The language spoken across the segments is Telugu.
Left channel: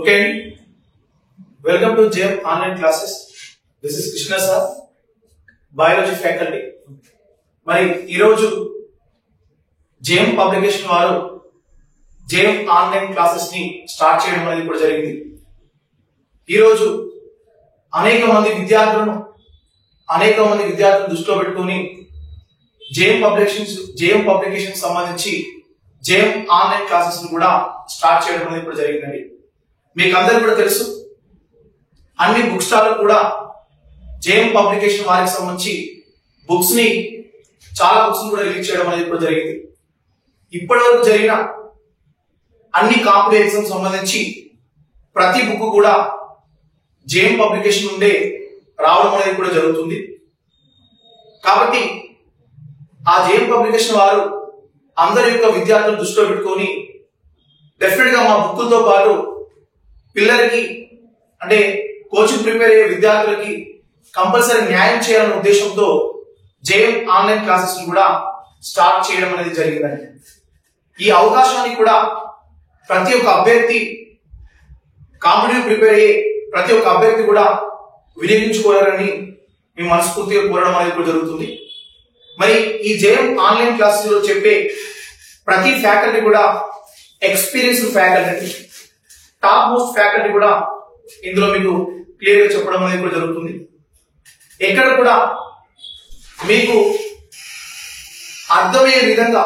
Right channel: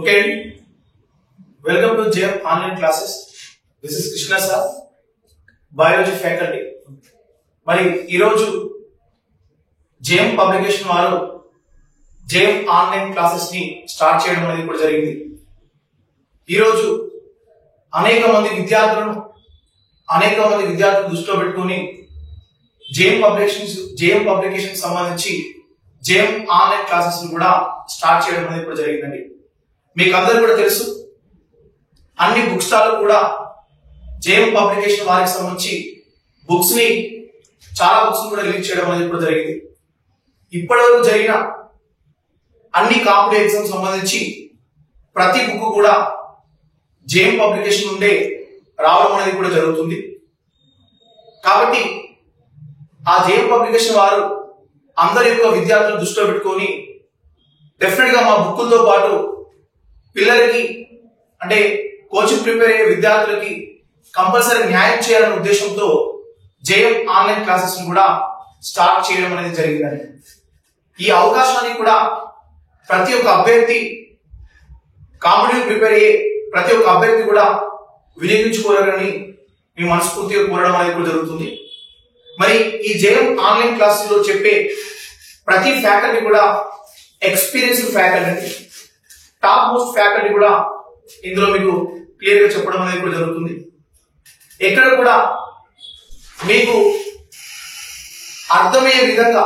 Okay, welcome to JM online classes. This is Krishna sir, biology faculty. మరి ఈరోజు JM పబ్లికేషన్ వారు JM ఆన్లైన్ క్లాసెస్ ని స్టార్ట్ చేయడం అనేది కూడా జరిగింది. ఈరోజు అనేక మంది విద్యార్థులను దృష్టిలో పెట్టుకొని JM పబ్లికేషన్ సంబంధించి JM ఆన్లైన్ క్లాసెస్ ని కూడా స్టార్ట్ చేయడం అనేది కూడా జరిగిందండి. మీకు అందరికీ కూడా తెలుసు, అన్ని బుక్ స్టాల్ కూడా JM పబ్లికేషన్ వారికి సంబంధించి చాలా బుక్స్ కూడా రిలీజ్ చేయడం అనేది కూడా జరిగింది. ఇప్పటి వరకు జరిగిన అన్ని కాంపిటేటివ్ ఎగ్జామ్స్ సంబంధించి ప్రతి బుక్ కూడా JM పబ్లికేషన్ నుండే రావడం అనేది కూడా జరుగుతుంది. కాబట్టి ఆ JM పబ్లికేషన్ వారు అందరి యొక్క విద్యార్థులను దృష్టిలో పెట్టుకొని డెఫినెట్ గా మా బుక్కులతో పాటు పిల్లలకి అంటే కోచింగ్ ప్రిపేర్ అయ్యే విద్యార్థులకి కంపల్సరీ న్యాయం చేయాలనే ఉద్దేశంతో JM ఆన్లైన్ క్లాసెస్ కూడా స్టార్ట్ చేయడం అనేది జరిగిందండి. ఈ అవకాశాన్ని కూడా ప్రతి ఒక్క అభ్యర్థి కాంపిటేటివ్ ప్రిపేర్ అయ్యే ప్రతి ఒక్క అభ్యర్థి కూడా వినియోగించుకోవాలని మేము మనస్ఫూర్తిగా కోరడం అనేది కూడా జరుగుతుంది. మరి ఈ JM ఆన్లైన్ క్లాసెస్ లో చెప్పే ప్రతి ఫ్యాకల్టీ కూడా experienced faculty, top most faculty కూడా ఇందులో మీకు క్లియర్ గా చెప్పడం అనేది కూడా జరుగుతుంది. ఎక్కడ కూడా మీకు అర్థమయ్యే విధంగా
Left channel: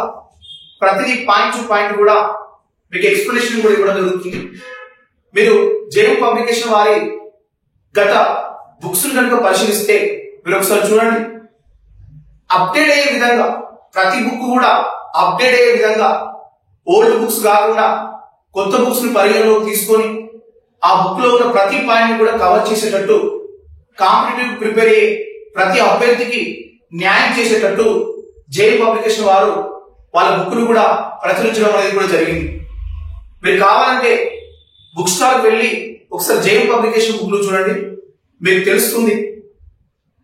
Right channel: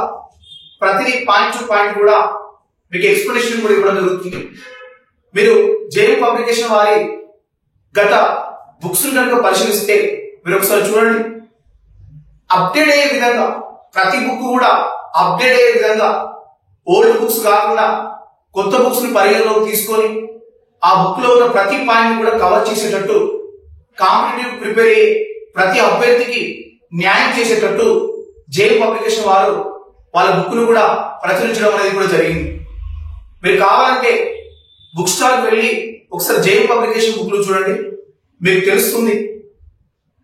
ప్రతిదీ పాయింట్ టు పాయింట్ కూడా మీకు ఎక్స్ప్లెనేషన్ కూడా ఇవ్వడం జరుగుతుంది. మీరు JM పబ్లికేషన్ వారి గత బుక్స్ కనుక పరిశీలిస్తే మీరు ఒకసారి చూడండి, అప్డేట్ అయ్యే విధంగా ప్రతి బుక్ కూడా అప్డేట్ అయ్యే విధంగా ఓల్డ్ బుక్స్ కాకుండా కొత్త బుక్స్ ని పరిగణలోకి తీసుకొని ఆ బుక్ లో ఉన్న ప్రతి పాయింట్ కూడా కవర్ చేసేటట్టు, కాంపిటేటివ్ ప్రిపేర్ అయ్యే ప్రతి అభ్యర్థికి న్యాయం చేసేటట్టు JM పబ్లికేషన్ వారు వాళ్ళ బుక్ ను కూడా ప్రచురించడం అనేది కూడా జరిగింది. మీరు కావాలంటే బుక్ స్టాల్ వెళ్ళి ఒకసారి JM పబ్లికేషన్ బుక్ లు చూడండి, మీకు తెలుస్తుంది.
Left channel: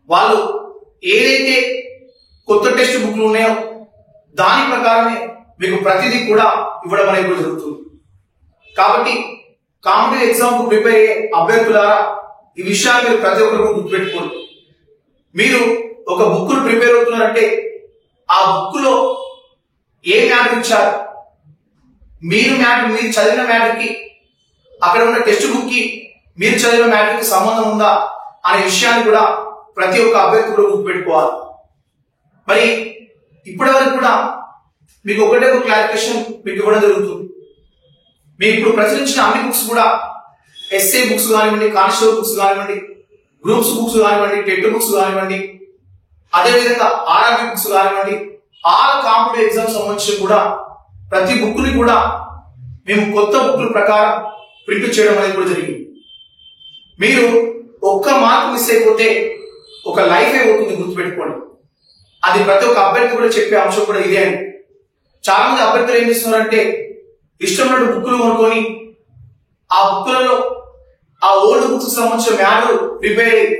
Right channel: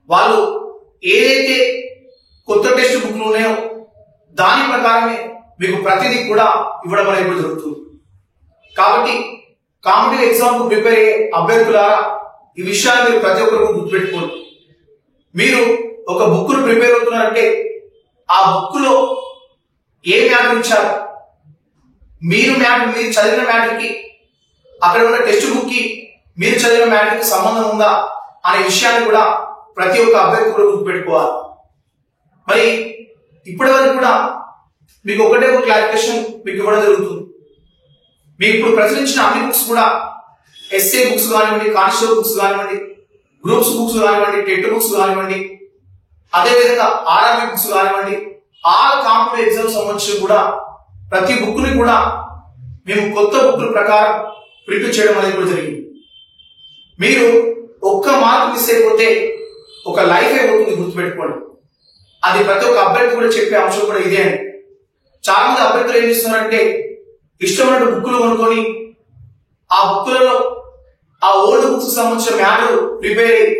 వాళ్ళు ఏదైతే కొత్త టెక్స్ట్ బుక్లు ఉన్నాయో దాని ప్రకారమే మీకు ప్రతిదీ కూడా ఇవ్వడం అనేది కూడా జరుగుతుంది. కాబట్టి కాంపిటేటివ్ ఎగ్జామ్ కు ప్రిపేర్ అయ్యే అభ్యర్థులారా ఈ విషయాలు మీరు ప్రతి ఒక్కరు గుర్తుపెట్టుకోండి. మీరు ఒక బుక్ ను ప్రిపేర్ అవుతున్నారంటే ఆ బుక్ లో ఏ మ్యాటర్ ఇచ్చారు, మీరు చదివిన మ్యాటర్ కి అక్కడ ఉన్న టెక్స్ట్ బుక్ కి మీరు చదివిన మ్యాటర్ కి సంబంధం ఉందా అనే విషయాన్ని కూడా ప్రతి ఒక్క అభ్యర్థి కూడా గుర్తుపెట్టుకోవాలి. మరి ఇప్పటి వరకు కూడా మీకు ఒకటే ఒక క్లారిఫికేషన్ మీకు ఇవ్వడం జరుగుతుంది. మీకు ఇప్పుడు ప్రచురించిన అన్ని బుక్స్ కూడా ఎస్ఏ బుక్స్ కానివ్వండి, కానిస్టేబుల్ బుక్స్ కానివ్వండి, గ్రూప్స్ బుక్స్ కానివ్వండి, టెట్ బుక్స్ కానివ్వండి, అదేవిధంగా ఆర్ఆర్బీ బుక్స్ కానివ్వండి, ఆల్ కాంపిటేటివ్ ఎగ్జామ్స్ సంబంధించి కూడా ప్రతి బుక్ ని కూడా మేము కొత్త బుక్ల ప్రకారం ప్రింట్ చేయడం అనేది కూడా జరిగింది. మీరు ఒక్క మార్క్ మిస్ అయిపోతే ఒక లైఫ్ అయిపోతుంది, గుర్తుపెట్టుకోండి. అది ప్రతి ఒక్క అభ్యర్థి కూడా చెప్పే అంశం కూడా ఇదే అండి. చాలా మంది అభ్యర్థులు ఏం చేస్తున్నారంటే ఇష్టమైన బుక్లు కొనుక్కొని ఆ బుక్లలో ఆ ఓల్డ్ బుక్స్ సంబంధించిన మ్యాటర్ ప్రిపేర్ అయ్యి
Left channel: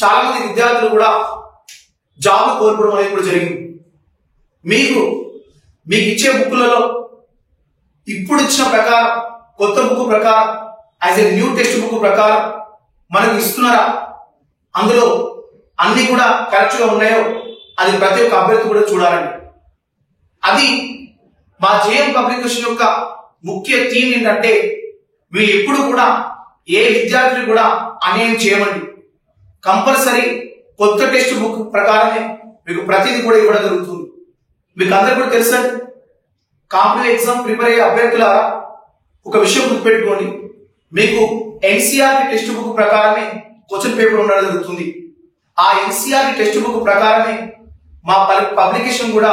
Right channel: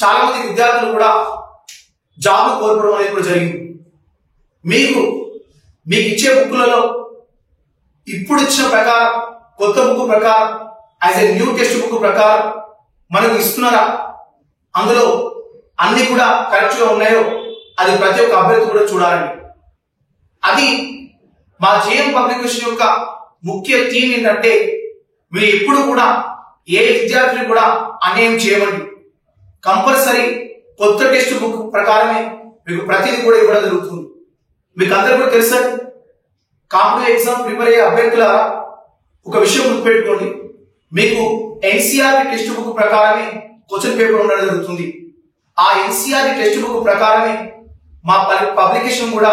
చాలా మంది విద్యార్థులు కూడా జాబ్ కోల్పోవడం అనేది కూడా జరిగింది. మీకు ఇచ్చే బుక్లలో ఇప్పుడు ఇచ్చిన ప్రకారం కొత్త బుక్ ప్రకారం as a new text book ప్రకారం మనకు ఇస్తున్నారా, అందులో అన్ని కూడా కరెక్ట్ గా ఉన్నాయో అది ప్రతి ఒక్క అభ్యర్థి కూడా చూడాలండి. అది మా JM పబ్లికేషన్ యొక్క ముఖ్య థీమ్ ఏంటంటే మీరు ఎప్పుడు కూడా ఏ విద్యార్థిని కూడా అన్యాయం చేయమండి. కంపల్సరీ కొత్త టెక్స్ట్ బుక్ ప్రకారమే మీకు ప్రతిదీ కూడా ఇవ్వడం జరుగుతుంది. మీకు అందరికీ కూడా తెలుసా, కాంపిటేటివ్ ఎగ్జామ్ ప్రిపేర్ అయ్యే అభ్యర్థుల ఒక విషయం గుర్తుపెట్టుకోండి, మీకు NCERT టెక్స్ట్ బుక్ ప్రకారమే క్వశ్చన్ పేపర్ ఉండడం జరుగుతుంది. ఆ NCERT టెక్స్ట్ బుక్ ప్రకారమే మా పబ్లికేషన్ కూడా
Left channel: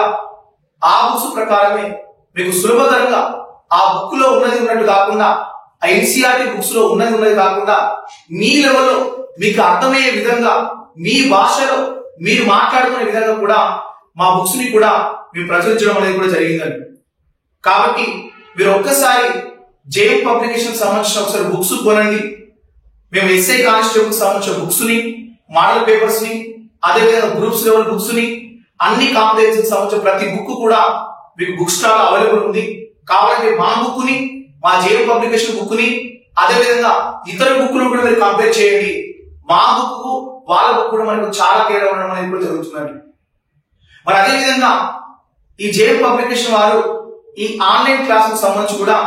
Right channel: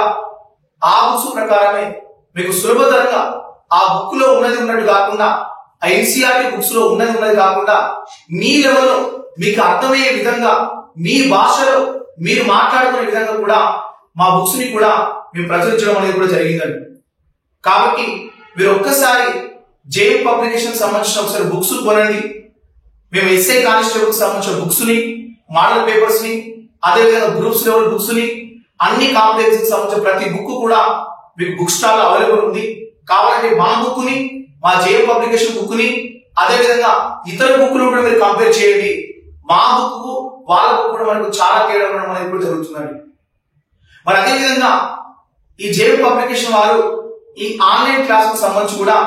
ఆ బుక్స్ ప్రకారమే మీకు సులభతరంగా ఆ బుక్ లో ఉన్నది కాకుండా, ఆ NCERT బుక్స్ లో ఉన్నది కాకుండా మీ లెవెల్లో మీకు అర్థమయ్యే విధంగా మీ భాషలో మీరు మాట్లాడుకునే విధంగా కూడా మా బుక్స్ ని కూడా మేము ప్రచురించడం అనేది కూడా జరిగిందండి. కాబట్టి మీరు ఒక్కసారి JM పబ్లికేషన్ సంబంధించిన ఒకసారి బుక్స్ కొనండి. మేము ఎస్ఐ కానిస్టేబుల్ సంబంధించిన బుక్స్ ని, మోడల్ పేపర్స్ ని, అదేవిధంగా గ్రూప్స్ లెవెల్ బుక్స్ ని, అన్ని కాంపిటేటివ్ సంబంధించిన ప్రతి బుక్ కూడా మీకు బుక్ స్టాల్ అవైలబుల్ ఉంది. కావాలంటే మా బుక్ ని, మా జేఎం పబ్లికేషన్ బుక్ ని, అదే విధంగా ఇతర బుక్లు కూడా మీరు కంపేర్ చేయండి. మా బుక్ వాళ్ళ బుక్ కూడా మనకు చాలా తేడా ఉండడం అనేది కూడా జరుగుతుందండి. మరి అదే విధంగా ఈ జేఎం పబ్లికేషన్ వారు ఈ ఆన్లైన్ క్లాసుకు సంబంధించి కూడా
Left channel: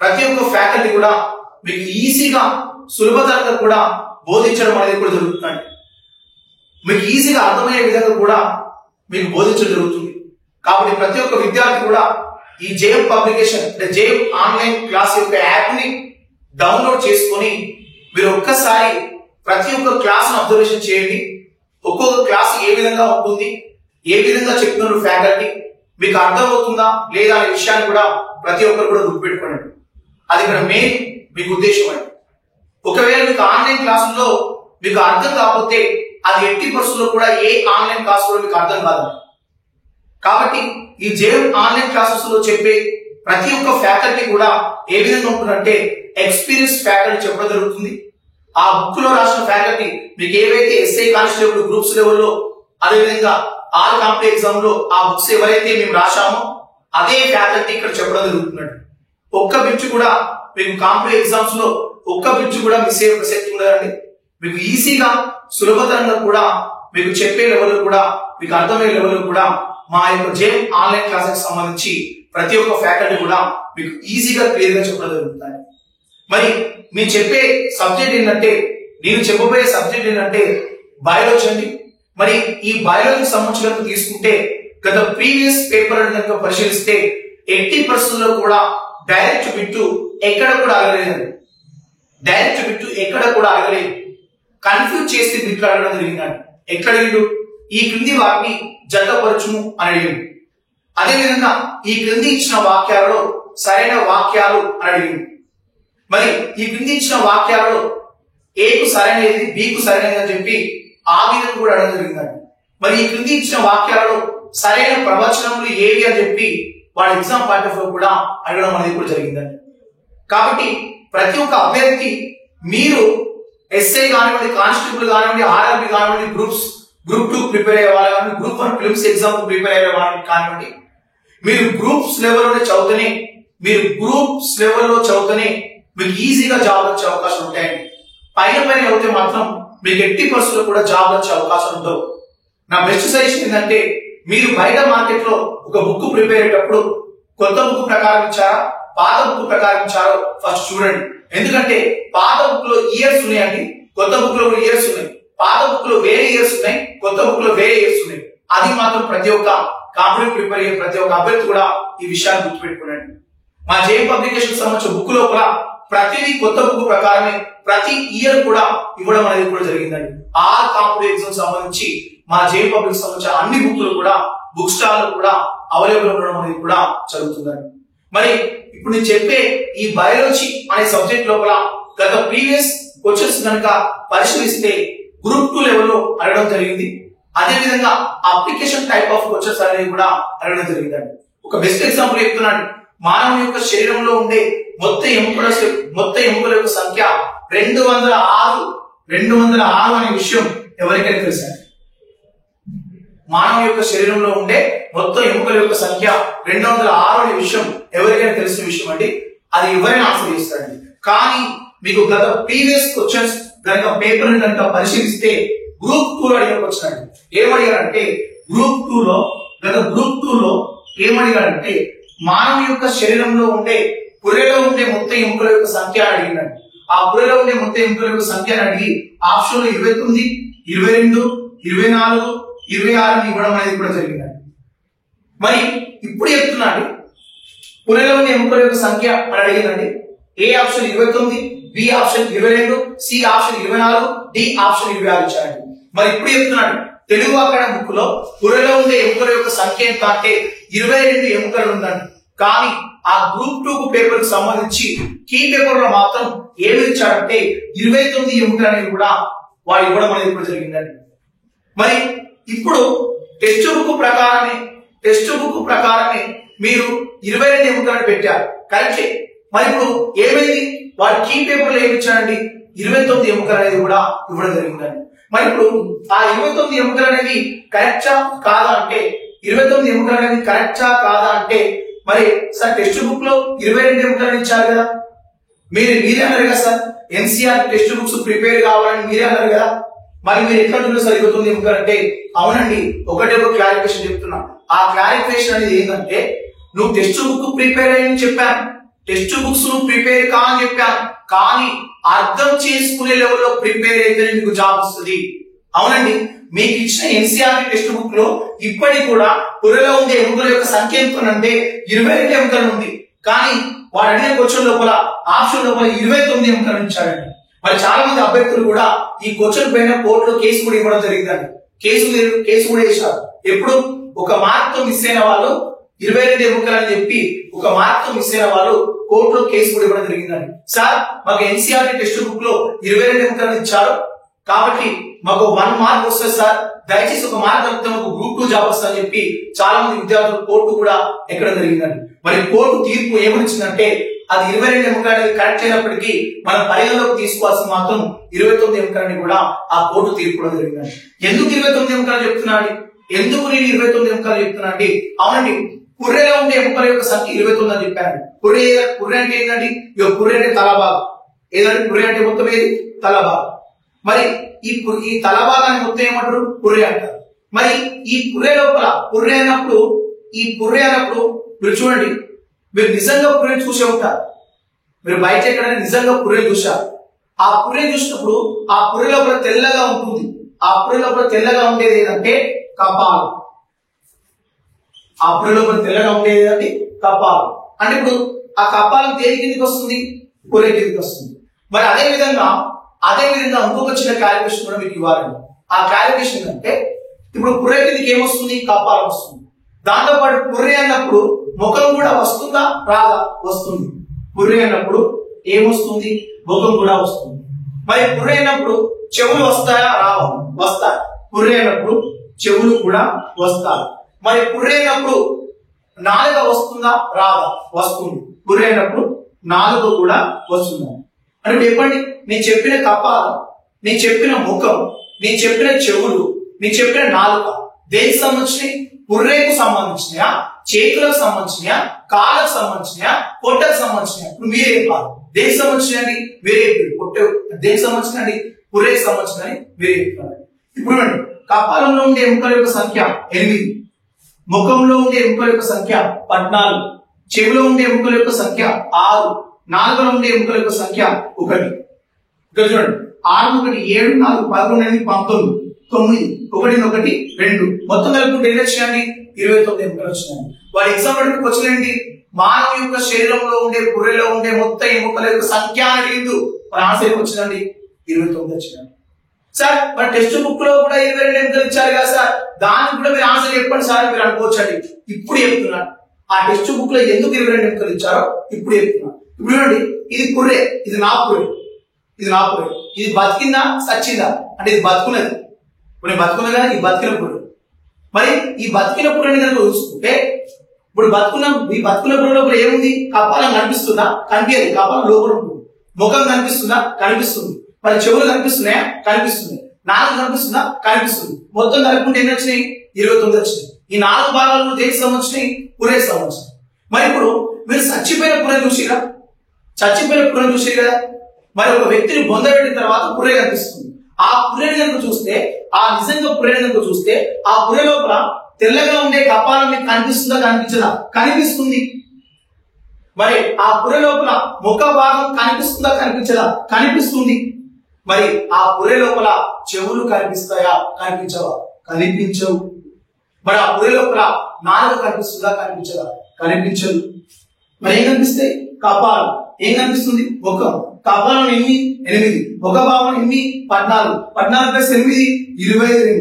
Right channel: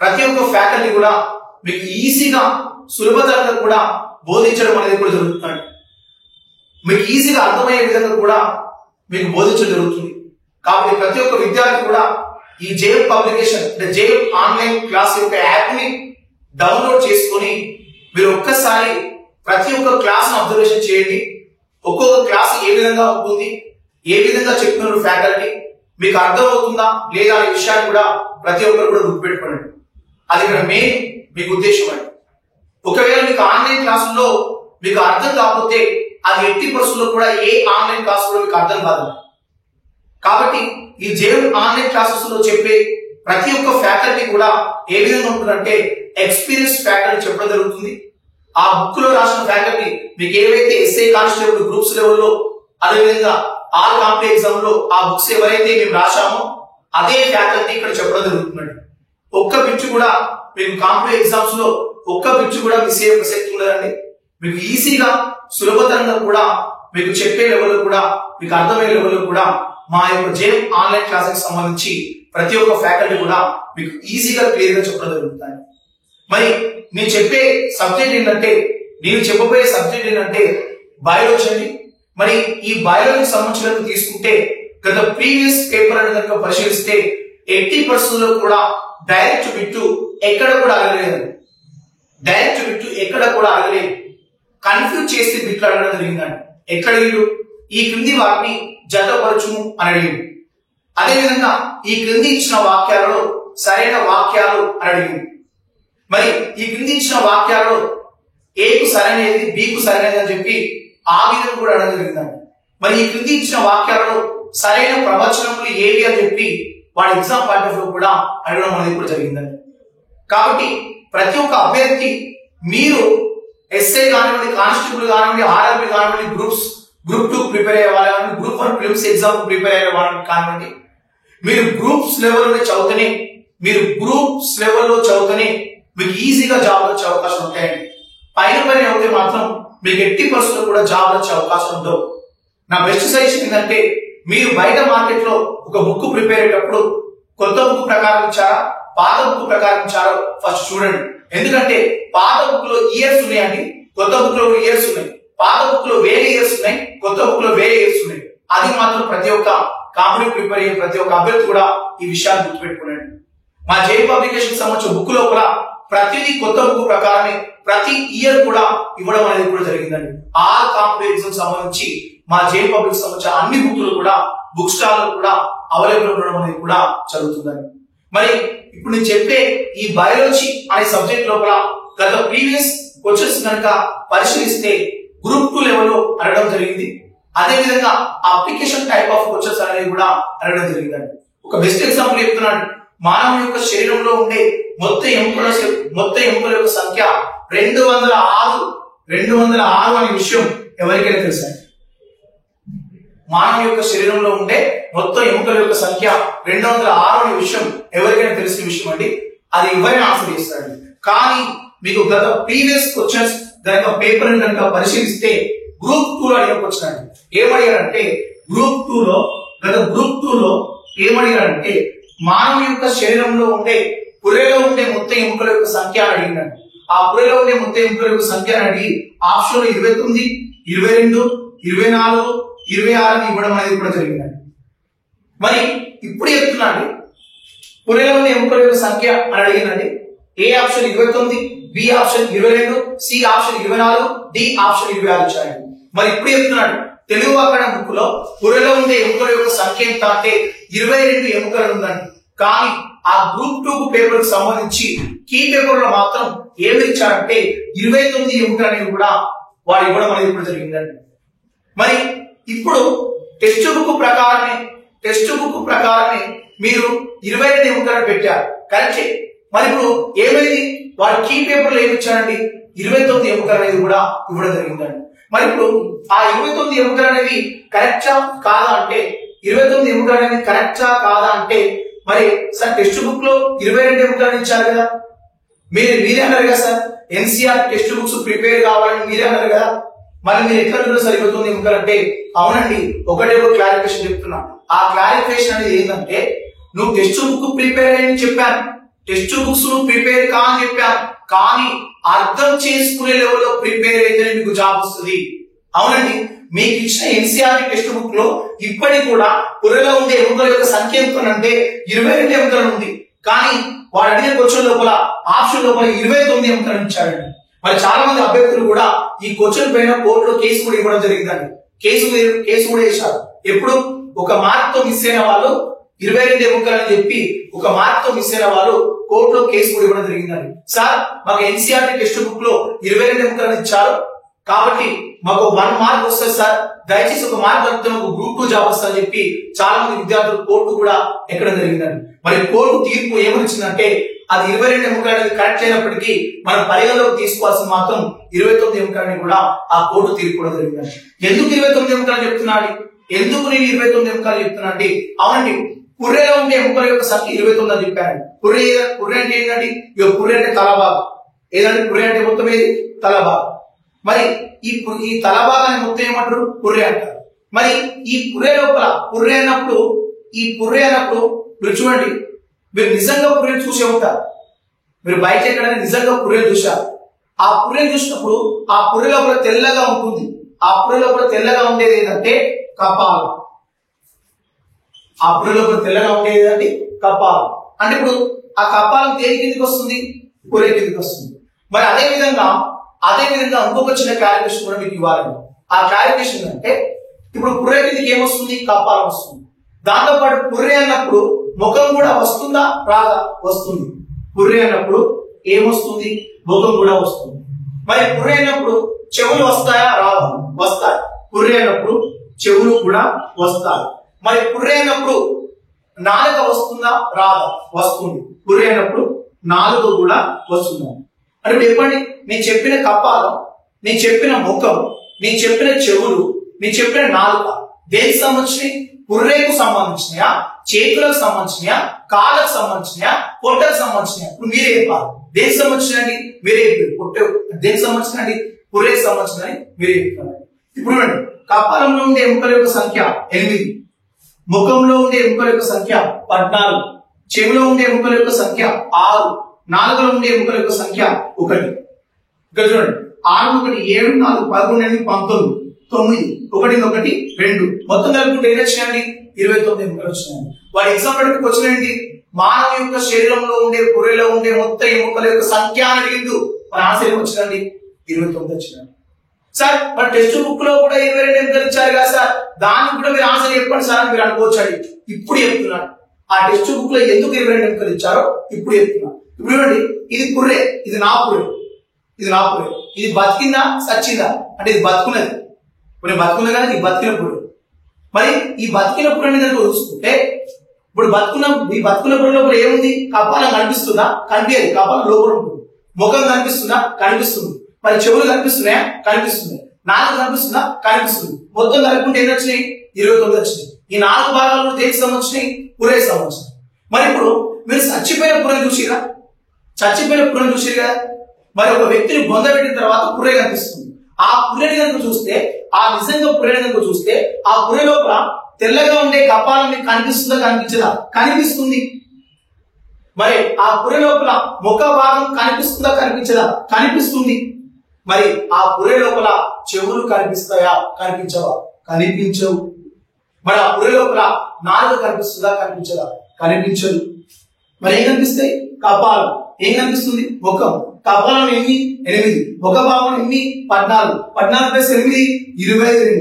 ప్రతి ఒక్క ఫ్యాకల్టీ కూడా మీకు ఈజీగా సులభతరంగా కూడా బోధించడం అనేది కూడా జరుగుతుంది. మీకు ఈజీగా అర్థమయ్యే విధంగా కూడా మీకు బోధించడం జరుగుతుంది. కాబట్టి ప్రతి ఒక్క విద్యార్థి కూడా ఈ జేఎం పబ్లికేషన్ అంటే జేఎం ఆన్లైన్ క్లాస్ యొక్క యాప్ ని డౌన్లోడ్ చేసుకొని మీరు ఒక్కసారి ప్రతి ఒక్క క్లాస్ ను అబ్జర్వేషన్ చేయండి. ఒక్కొక్క క్లాస్ ఏ విధంగా ఉంటుంది, ఏ విధంగా చెప్తున్నారు ఫ్యాకల్టీ, మీకు అర్థమవుతుందా లేదా అనే విషయాన్ని కూడా ప్రతి ఒక్కరు కూడా గుర్తుపెట్టుకోండి. అది ఇక్కడ మెయిన్ మీకు ఉద్దేశం అండి. ఒకవేళ మీకు ఆన్లైన్ క్లాసుల్లో మీకు అర్థం కాకపోతే అది 80% లో కూడా ఏ ఆన్లైన్ క్లాస్ కూడా మీకు అర్థం కాదు. కాబట్టి ఈ జేఎం ఆన్లైన్ క్లాసెస్ లో చెప్పే ప్రతి ఒక్క ఫ్యాకల్టీ కూడా ఏ విధంగా ఉంటుందంటే ఎక్స్పీరియన్స్ ఫ్యాకల్టీ చెప్పడం జరుగుతుంది. ఆ బుక్ లో రాసిన ఫ్యాకల్టీ మీకు ఏవైతే ఎస్ఐ కానిస్టేబుల్ గ్రూప్స్ లెవెల్లో, అదేవిధంగా ఆల్ కాంపిటేటివ్ ఎగ్జామ్ లో ఆ బుక్స్ ఎవరైతే మేము రాశామో అదే ఫ్యాకల్టీ ఇక్కడ చెప్పడం జరుగుతుందండి. ఒక్క బిట్ కూడా మీకు కాంపిటేటివ్ ఎగ్జామ్స్ లో ఒక్క బిట్ కూడా మిస్ అయ్యే ప్రసక్తి ఉండదండి. మీకు ఈజీగా సులభతరంగా కూడా మీకు చెప్పే లెవెల్ కూడా మీకు అర్థమయ్యే లెవెల్ కూడా మా యొక్క జేఎం ఆన్లైన్ క్లాసెస్ సంబంధించి ప్రతి ఒక్క ఫ్యాకల్టీ కూడా మీకు ఈజీగా క్లియర్ గా చెప్పడం జరుగుతుంది. మరి నేను చెప్పే సబ్జెక్ట్ ఏంటంటే, నేను చెప్పబోయే సబ్జెక్ట్ ఏంటంటే బయాలజీ అండి. మరి ఈ బయాలజీకి సంబంధించిన తీసుకుంటే గత ప్రీవియస్ పేపర్ కనుక పరిశీలిస్తే 80% లో కూడా డైరెక్ట్ బిట్టు ఎక్కడ కూడా అడగలేదు. డైరెక్ట్ బిట్టు ఎక్కడ కూడా అడగలేదు. కన్ఫ్యూజ్ చేస్తే బిట్లు అడగడం జరిగిందండి. ఎక్కడ అడిగిండు? ఈ క్రింది వాటిని జతపరచుము అని అడిగిండు. అదేవిధంగా ఈ క్రింది ఇచ్చిన వాక్యాలలో సరైన వాక్యాలు అని అడిగిండు. మరి ఈ క్రింది ఇచ్చిన వాక్యాలలో ఏకు సరైనది, బికు సరైనది అని చెప్పి ఆ విధంగా కూడా అడగడం జరిగిందండి. మరి ఈ క్రింది ఇచ్చిన వాక్యాలలో సరైన ప్రవచనములు ఏవి అని చెప్పి వాడి ఎగ్జామ్ పాయింట్ ఆఫ్ వ్యూ కూడా అడగడం అనేది కూడా జరిగిందండి. కాబట్టి ప్రతి ఒక్క అభ్యర్థి మీరు ఎస్ఐ కానివ్వండి, కానిస్టేబుల్ కానివ్వండి, ఆర్ఆర్బి కానివ్వండి, గ్రూప్ 2 ప్రిపేర్ అయ్యే వాళ్ళు కానివ్వండి, గ్రూప్ 1 ప్రిలిమ్స్ ఎగ్జామ్ ప్రిపేర్ అయ్యే వాళ్ళు కానివ్వండి, మీరు గ్రూప్స్ లెవెల్లోనే చదువుతూనే మీకు ఈజీగా జాబ్ వచ్చే అవకాశం ఉంటాయండి. పైన అవుతే మాత్రం మీకు 80% కూడా జాబ్ వచ్చే అవకాశం ఉండవు. నా బెస్ట్ సజెషన్ ఏంటంటే, మీరు బయట మార్కెట్ లో ఒక బుక్ ప్రిపేర్ అయ్యేటప్పుడు కొత్త బుక్ ప్రకారం ఇచ్చారా, పాత బుక్ ప్రకారం ఇచ్చారో ఫస్ట్ చూడండి. ఎందుకంటే పాత బుక్ లో ఇయర్స్ ఉన్నాయండి, కొత్త బుక్ లో ఇయర్స్ ఉన్నాయి. పాత బుక్ లో వేరే ఇయర్స్ ఉన్నాయి, కొత్త బుక్ లో వేరే ఇయర్స్ ఉన్నాయి. అది మాత్రం ప్రతి ఒక్క కాంపిటేటివ్ ప్రిపేర్ అయ్యే ప్రతి ఒక్క అభ్యర్థి కూడా ఈ విషయాన్ని గుర్తుపెట్టుకోండి. మా జేఎం పబ్లికేషన్ సంబంధించిన బుక్ లో కూడా ప్రతిదీ కొత్త బుక్ ప్రకారమే ప్రతి ఇయర్ కూడా ఇవ్వడం అనేది కూడా జరిగిందండి. ఆల్ కాంపిటేటివ్ ఎగ్జామ్ సంబంధించి మా జేఎం పబ్లిక్ సంబంధించిన అన్ని బుక్లు కూడా బుక్ స్టాల్ లో కూడా అవైలబుల్ ఉండడం అనేది కూడా జరుగుతుందండి. మరి ఇప్పుడు నేను చెప్పే ఈ బయాలజీ అనే సబ్జెక్ట్ లోపల గత ప్రీవియస్ క్వశ్చన్స్ కనుక పరిశీలిస్తే గ్రూప్ 2 లెవెల్లో అడగడం జరిగింది. అదే విధంగా అప్లికేషన్ టైప్ ఆఫ్ క్వశ్చన్స్ అనేవి కూడా అడగడం జరిగిందండి. ఒక బెస్ట్ ఎగ్జాంపుల్ చెప్తున్నాను. మానవుని యొక్క శరీరంలో ఉండే మొత్తం ఎముకల యొక్క సంఖ్య 206 అనే విషయం ఎవరికైనా తెలుసా? మానవుని యొక్క శరీరంలో ఉండే మొత్తం ఎముకల యొక్క సంఖ్య 206 అనే విషయం ఎవరికైనా తెలిసిన విషయం అండి. అది ఎవరైనా ఆన్సర్ చేస్తారండి. కానీ మీకు గత ప్రీవియస్ క్వశ్చన్స్ కనుక పేపర్ కనుక పరిశీలిస్తే గ్రూప్ 2 లో అడిగిన క్వశ్చన్ అండి. ఏమడిగారంటే గ్రూప్ 2 లో ఏమడిగారంటే మానవుని యొక్క శరీరంలో ఉండే పుర్రెలో ఉండే మొత్తం ఎముకల యొక్క సంఖ్య అని అడిగిందండి. ఆ పుర్రెలో ఉండే మొత్తం ఎముకల యొక్క సంఖ్య అని అడిగి ఆప్షన్ లో 29, 22, 24, 26 అని ఇవ్వడం అనేది కూడా జరిగిందండి. మరి ఇప్పుడు చెప్తున్నాండి, పుర్రెలో ఉండే ఎముకల యొక్క సంఖ్య అని అడిగిందండి. A option 29, B option 22, C option 24, D option 26 ఇచ్చారండి. మరి ఇప్పుడు చెప్తున్నాడు, తెలుగు అకాడమీ బుక్ లో పుర్రెలో ఉండే ఎముకల యొక్క సంఖ్య ఎంత అంటే 22 ఎముకలు ఉందండి. కానీ ఆ గ్రూప్ 2 పేపర్ కి సంబంధించి కీ పేపర్ లో మాత్రం ఏమి ఇచ్చారంటే 29 ఎముకలు అనేది కూడా వాడు ఇవ్వడం అనేది కూడా జరిగిందండి. మరి ఇప్పుడు టెక్స్ట్ బుక్ ప్రకారమే మీరు 22 ఎముకలను పెట్టారు, కరెక్టే. మరి ఇప్పుడు ఏమైంది, వాడు కీ పేపర్ లో ఏమి ఇచ్చారండి 29 ఎముకలు అనేది కూడా ఇవ్వడం జరిగిందండి. మరి ఇప్పుడు ఆ 29 ఎముకలు అనేది కరెక్టా కాదా అంటే 29 ఎముకలు అనేది కరెక్టా కాదా అంటే మరి సార్ టెక్స్ట్ బుక్ లో 22 ఎముకలను ఇచ్చారు కదా, మీరే అన్నారు కదా sir NCERT text books prepare కావాలని మీరే అన్నారు కదా, మరి మీరు ఎట్లా సార్ 29 ఎముకలు అంటే? అవునండి, ఒకటే ఒక క్లారిఫికేషన్ చెప్తున్నా. ఆ క్లారిఫికేషన్ అనేది ఏంటంటే, నువ్వు టెక్స్ట్ బుక్ ప్రిపేర్ అయ్యని చెప్పాను, టెక్స్ట్ బుక్స్ నువ్వు ప్రిపేర్ కా అని చెప్పాను, కానీ అర్థం చేసుకునే లెవెల్లో ప్రిపేర్ అయితేనే మీకు జాబ్ వస్తుంది. అవునండి, మీకు ఇచ్చిన ఎన్సీఆర్ టెక్స్ట్ బుక్ లో ఇప్పటికి కూడా పుర్రెలో ఉండే ఎముకల యొక్క సంఖ్య ఎంత అంటే 22 ఎముకలు ఉంది. కానీ వాడు అడిగిన క్వశ్చన్ లోపల ఆప్షన్ లోపల 29 ఎముకలను ఇచ్చాడండి. మరి చాలా మంది అభ్యర్థులు కూడా ఈ క్వశ్చన్ పైన కోర్టులో కేసు కూడా ఇవ్వడం జరిగిందండి. కేసు కూడా వేశారు. ఎప్పుడు ఒక మార్క్ తో మిస్ అయిన వాళ్ళు 22 ఎముకలు అని చెప్పి ఒక మార్క్ తో మిస్ అయిన వాళ్ళు కోర్టులో కేసు కూడా ఇవ్వడం జరిగిందండి. సార్ మాకు ఎన్సీఆర్ టెక్స్ట్ బుక్ లో 22 ఎముకలను ఇచ్చారు కాబట్టి మాకు 1 మార్క్ వస్తుంది సార్, దయచేసి ఒక మార్క్ తగ్గితే మాకు గ్రూప్ 2 జాబ్ వస్తుందని చెప్పి చాలా మంది విద్యార్థులు కోర్టు కూడా ఎక్కడం జరిగిందండి. మరి కోర్టు తీర్పు ఏమనిచ్చిందంటే, అది 22 ఎముకలని కరెక్ట్ అయినప్పటికీ మనం పరిగణలోకి తీసుకోవాల్సిన మాత్రం 29 ఎముకలని కూడా ఆ కోర్టు తీర్పు కూడా జరిగిందండి. ఎందుకు 29 ఎముకలు చెప్తున్నా అండి? ఎందుకు నేను 29 ఎముకలు చెప్తున్నా అండి? అవునండి, పుర్రెలో ఉండే ఎముకల యొక్క సంఖ్య 29 అని చెప్పాను. పుర్రె అంటే ఏంటండి? పుర్రె అంటే తలభాగం. ఏదంటే పుర్రె అంటే మొత్తం ఏది? తలభాగం. మరి ఈ తలభాగాన్ని మొత్తం ఏమంటారు? పుర్రె అంటారు. మరి ఈ పుర్రె లోపల పుర్రె అన్నప్పుడు మీరు చూడండి, మీరు నిజంగా పుర్రె చూసే ఉంటారు. మీరు బయట ఎక్కడైనా నిజంగా పుర్రె చూశారు. ఆ పుర్రె చూసినప్పుడు ఆ పుర్రె లోపల తెల్లగా ఉంటుంది. ఆ పుర్రె లోపల తెల్లగా ఉండేది ఏంటంటే కపాలం. ఆ పుర్రె లోపల తెల్లగా ఉండేది ఏంటంటే కపాలం. అంటే ఇప్పుడు ఆ కపాలం దేని కిందకి వస్తుంది? పుర్రె కిందకి వస్తుంది. మరి అదే విధంగా ఇంకొక చిన్న క్లారిఫికేషన్ కూడా మీకు ఇవ్వాలండి. ఆ క్లారిఫికేషన్ అంటే, ఇప్పుడు పుర్రె కిందకి ఏమొస్తుంది? కపాలం వస్తుంది. దాంతో పాటు పుర్రె అన్నప్పుడు ముఖం కూడా వస్తుందా? రాదా? వస్తుంది. పుర్రె అన్నప్పుడు ఏమొస్తుంది? ముఖం కూడా వస్తుంది. మరి పుర్రె అన్నప్పుడు చెవులు వస్తాయా? రావా? వస్తాయి. పుర్రె అన్నప్పుడు చెవులు కూడా వస్తాయి. మరి పుర్రె అన్నప్పుడు నాలుక వస్తుందా? రాదా? వస్తుంది. పుర్రె అన్నప్పుడు నాలుక కూడా వస్తుందా? అంటే చెప్పండి, నేను చెప్పిన కపాలం, నేను చెప్పిన ముఖం, నేను చెప్పిన చెవులు, నేను చెప్పిన నాలుక దేనికి సంబంధించినవి? పుర్రెకు సంబంధించినయా? చేతులకు సంబంధించినయా? కాళ్ళకు సంబంధించినయా? పొట్టకు సంబంధించినయా? ఇప్పుడు మీరే చెప్పాలి. దేనికి సంబంధించినండి? మీరే పొట్ట దేనికి సంబంధించినండి? పుర్రెకు సంబంధించినని మీరే చెప్తారు. ఇప్పుడు కపాలంలో ఉండే ఎముకల యొక్క సంఖ్య 8, ముఖంలో ఉండే ఎముకల యొక్క సంఖ్య 14, చెవిలో ఉండే ఎముకల యొక్క సంఖ్య 6, నాలుగులో ఉండే ఎముకల యొక్క సంఖ్య 1. ఇక్కడ చూడండి, 6 1 7 4 11 8 19 9 1 2 మొత్తం కలుపుకుంటే ఎన్ని వచ్చినాయండి? 29 ఎముకలు వచ్చినాయండి. వాడి ఎగ్జాంపుల్ క్వశ్చన్ ఏంటి? మానవ యొక్క శరీరంలో ఉండే పుర్రెలో ఉండే మొత్తం ఎముకల యొక్క సంఖ్య అని అడిగిండు. మన ఆన్సర్ ఏమి వచ్చిందండి? 29 వచ్చినాయి. సార్ మరి టెక్స్ట్ బుక్ లో కూడా 22 ఎముకలు ఇచ్చారు కదా సార్, దానికి కూడా మీరు ఆన్సర్ చెప్పండి సార్ అని మీరు అనుకోవచ్చండి. ఇప్పుడు చెప్తున్నాను, ఆ టెక్స్ట్ బుక్ లో ఎందుకు 22 ఎముకలు ఇచ్చారో ఇప్పుడు చెప్తున్నాను. ఇప్పుడు చూడండి, ఇది పుర్రె, ఇది నా పుర్రె, ఇది బతికిందా సచ్చిందా అంటే ఇది బతుకున్నది. కొన్ని బతుకున్నది కానీ ఈ బతికిన పుర్రె. మరి ఈ బతికిన పుర్రెని కనుక చూసుకుంటే, ఇప్పుడు ఈ బతుకున్న పుర్రె లోపల ఏముంది? కపాలం కనిపిస్తుందా? కనిపించదు. కపాలం లోపల ఉంటుంది. ముఖం కనిపిస్తుందా? కనిపిస్తుంది. మరి చెవులు కనిపిస్తున్నాయా? కనిపిస్తుంది. నాలుగు కనిపిస్తుందా? కనిపిస్తుంది. మొత్తం కలుపుకుంటే ఎన్ని వచ్చినాయి? 29 వచ్చినాయి. ఈ 4 భాగాలు దేనికి సంబంధించినాయి? పుర్రెకి సంబంధించినాయి. మరి ఇప్పుడు మీరు చచ్చిపోయిన పుర్రెని చూసిరా? కదా. మరి ఒక వ్యక్తిని బొందబెట్టిన తర్వాత పుర్రె కనిపిస్తుంది. ఆ పుర్రెని కనుక చూస్తే, ఆ నిజంగా పుర్రెని కనుక చూస్తే, ఆ పుర్రె లోపల తెల్లగా ఉండే కపాలం మీకు కనిపిస్తుందా? కనిపించదా? కనిపిస్తుంది. మరి ఆ పుర్రె లోపల ముఖ భాగం కనిపిస్తుందా? కనిపించదా? కనిపిస్తుంది. మరి ఆ పుర్రె లోపల చెవులు కనిపిస్తాయా? కనిపించవా? కనిపించవు. మరి ఆ పుర్రె లోపల నాలుక కనిపిస్తుందా? కనిపించదా? కనిపించదు. మరి ఏం కనిపిస్తాయి? కపాలం. ఏం కనిపిస్తుంది? ముఖం. కపాలం ఎన్ని? 8. ముఖ భాగం ఎన్ని? 14. 14 + 8 22.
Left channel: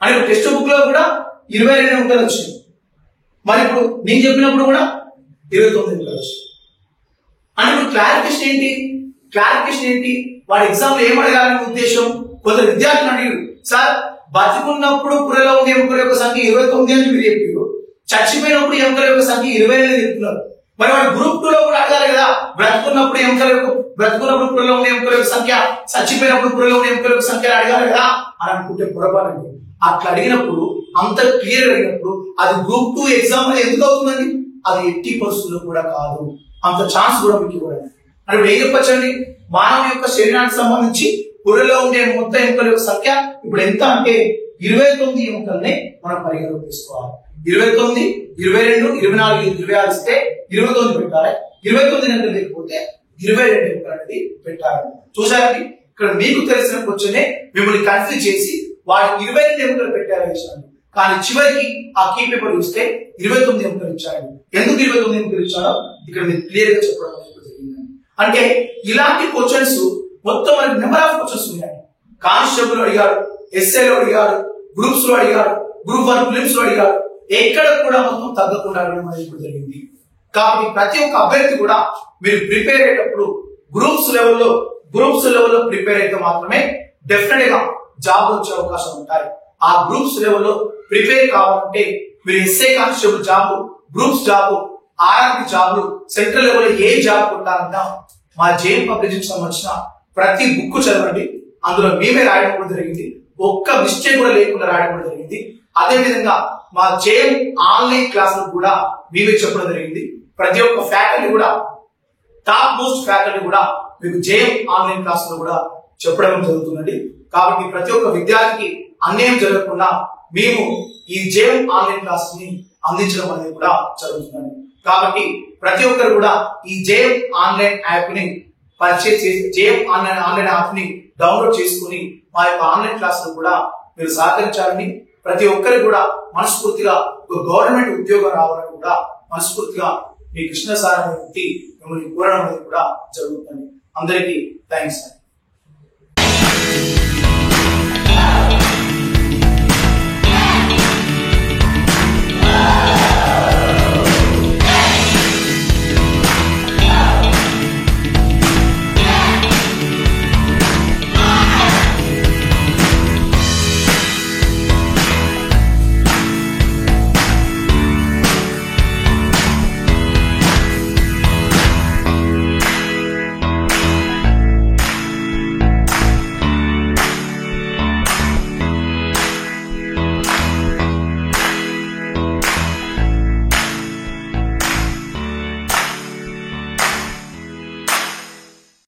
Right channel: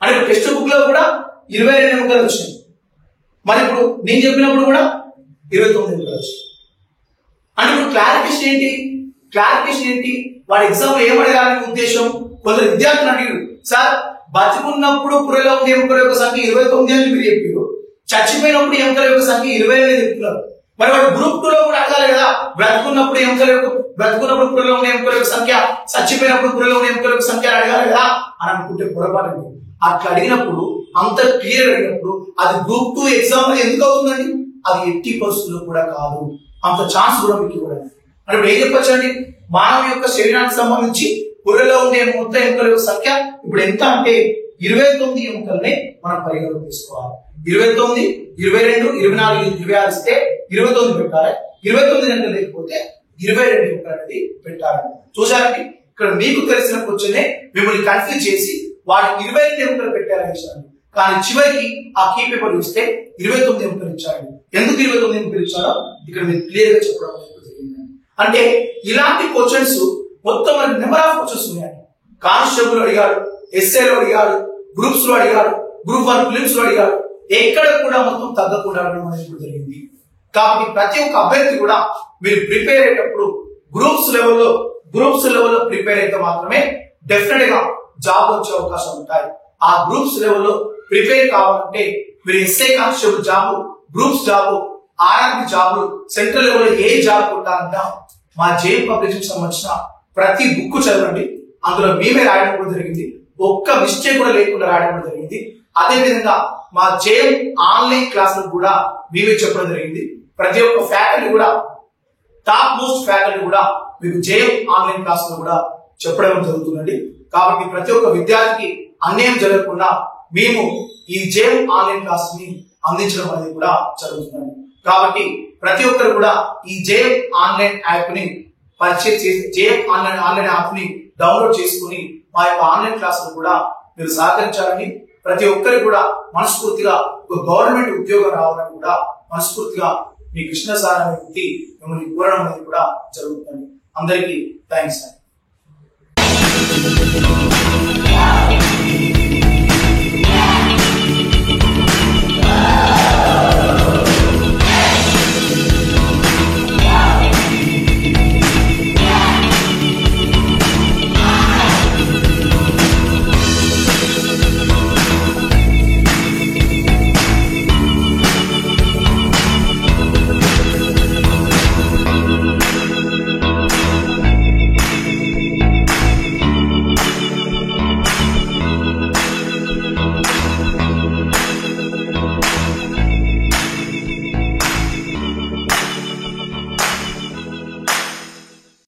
అంటే టెక్స్ట్ బుక్ లో కూడా 22 ఎముకలు వచ్చినాయి. మరి ఇప్పుడు నేను చెప్పినప్పుడు కూడా 29 ఎముకలు వచ్చినాయి. అంటే ఇప్పుడు క్లారిఫికేషన్ ఏంటి? వాడి ఎగ్జామ్ లో ఏం అడగాలనే ఉద్దేశం? కొందరు విద్యార్థులు అడిగారు, సార్ బతికున్నప్పుడు పుర్రెలో ఉండే ఎముకల యొక్క సంఖ్య 29 అని మీరు చెప్పారు, చచ్చిపోయినప్పుడు ఎముకల యొక్క సంఖ్య 22 చెప్తున్నారు. మరి వాడు గ్రూప్ 2 లో కూడా అడగాలి కదా, బ్రతుకున్నప్పుడు పుర్రెలో ఉండే ఎముకల యొక్క సంఖ్య, చచ్చిపోయినప్పుడు పుర్రెలో ఉండే ఎముకల యొక్క సంఖ్య అడగాలి కదా అని అనుకుంటే పొరపాటు. అట్లా అడిగినప్పుడు అంత క్లియర్ అయినప్పుడు అది గ్రూప్ 2 ఎగ్జామ్ ఎందుకు అవుతుందండి? అది ఎట్టి పరిస్థితుల్లో కూడా కాదు. అంత ఛాన్స్ కూడా మీకు ఇవ్వడండి. అంటే ఇప్పుడు ఏం చెప్పొచ్చండి, మానవ యొక్క శరీరానికి సంబంధించి పుర్రెలో ఉండే మొత్తం ఎముకల యొక్క సంఖ్య ఇప్పుడు ఎంత అంటే 29 ఎముకల్ని మనం పరిగణలోకి తీసుకోవాలి. 29, 22, 24, 26 ఇస్తే 29 పెట్టాలి. 29 ఎముకలు లేకపోతే 22 ఎముకలు అనేది పెట్టాలి. చూసారండి, ఇక్కడ మీకు తెలిసిన క్వశ్చన్ మిమ్మల్ని కన్ఫ్యూజ్ చేసి వాటి 22 ఎముకలు పెట్టారని ఇచ్చాను. కానీ చివరికి ఆ కీ పేపర్ చూస్తే 29 ఎముకలు ఇచ్చారండి. ఎందుకు 29 ఎముకలు ఇచ్చారో ఇక్కడ మీరు క్లియర్ గా చెప్పడం జరిగింది. అంటే ఇలాంటి క్వశ్చన్స్ మొత్తం మనకి నెంబర్ ఆఫ్ క్వశ్చన్స్ ఉన్నాయి. కానిస్టేబుల్ అడిగాడు, ఎస్ఏలో అడిగాడు, గ్రూప్స్ లో అడిగాడు, గ్రూప్ 1 ఫిలిమ్స్ లో అడిగాడు. ఎక్కడ కూడా మొత్తం తగ్గకుండా అడగడం అనేది జరిగింది. కాబట్టి ప్రతి ఒక్క అభ్యర్థి కూడా మీరు ప్రిపేర్ అయ్యేటప్పుడు గ్రూప్స్ లెవెల్లో ప్రిపేర్ అయితే మాత్రమే డెఫినెట్ గా జాబ్ వచ్చే అవకాశం ఉంటాయి. ఆ గ్రూప్స్ లెవెల్లో ప్రిపేర్ కావాలంటే మీరు SI constable job, groups job, RRB జాబ్లు, సెంట్రల్ లెవెల్ ఏ జాబ్ కొట్టాలన్నా మా జేఎం పబ్లికేషన్ సంబంధించిన ప్రతి బుక్ చదవండి. అందులో మేమే రాయడం కూడా జరిగింది. ఒక్క మిస్టేక్ కూడా లేకుండా రాయడం కూడా జరిగింది. అదే విధంగా మా జేఎం ఆన్లైన్ క్లాసులకు కూడా మేమే చెప్పడం జరిగింది. ప్రతి ఒక్క ఫ్యాకల్టీ కూడా, టాప్ మోస్ట్ ఫ్యాకల్టీ కూడా మీకు జేఎం ఆన్లైన్ క్లాసులో కూడా చెప్పడం జరుగుతుందండి. కాబట్టి ప్రతి ఒక్క విద్యార్థికి అన్యాయం జరగకుండా మేము ఈ జేఎం ఆన్లైన్ క్లాస్ ని అందించడం అనేది కూడా జరుగుతుందండి. కాబట్టి ప్రతి ఒక్కరు కూడా ఈ జేఎం ఆన్లైన్ యాప్ ని పర్చేజ్ చేసి జేఎం ఆన్లైన్ యాప్ ని డౌన్లోడ్ చేసుకుని మా యొక్క ఆన్లైన్ క్లాసులు కూడా మీరు సహకరించాలని, ప్రతి ఒక్కరు కూడా మనస్ఫూర్తిగా ఒక గవర్నమెంట్ ఉద్యోగం రావాలని కూడా మనస్ఫూర్తిగా మీ కృష్ణ సార్ అనే వ్యక్తి మిమ్మల్ని కోరడం అనేది కూడా జరుగుతుంది. అందరికీ థ్యాంక్స్.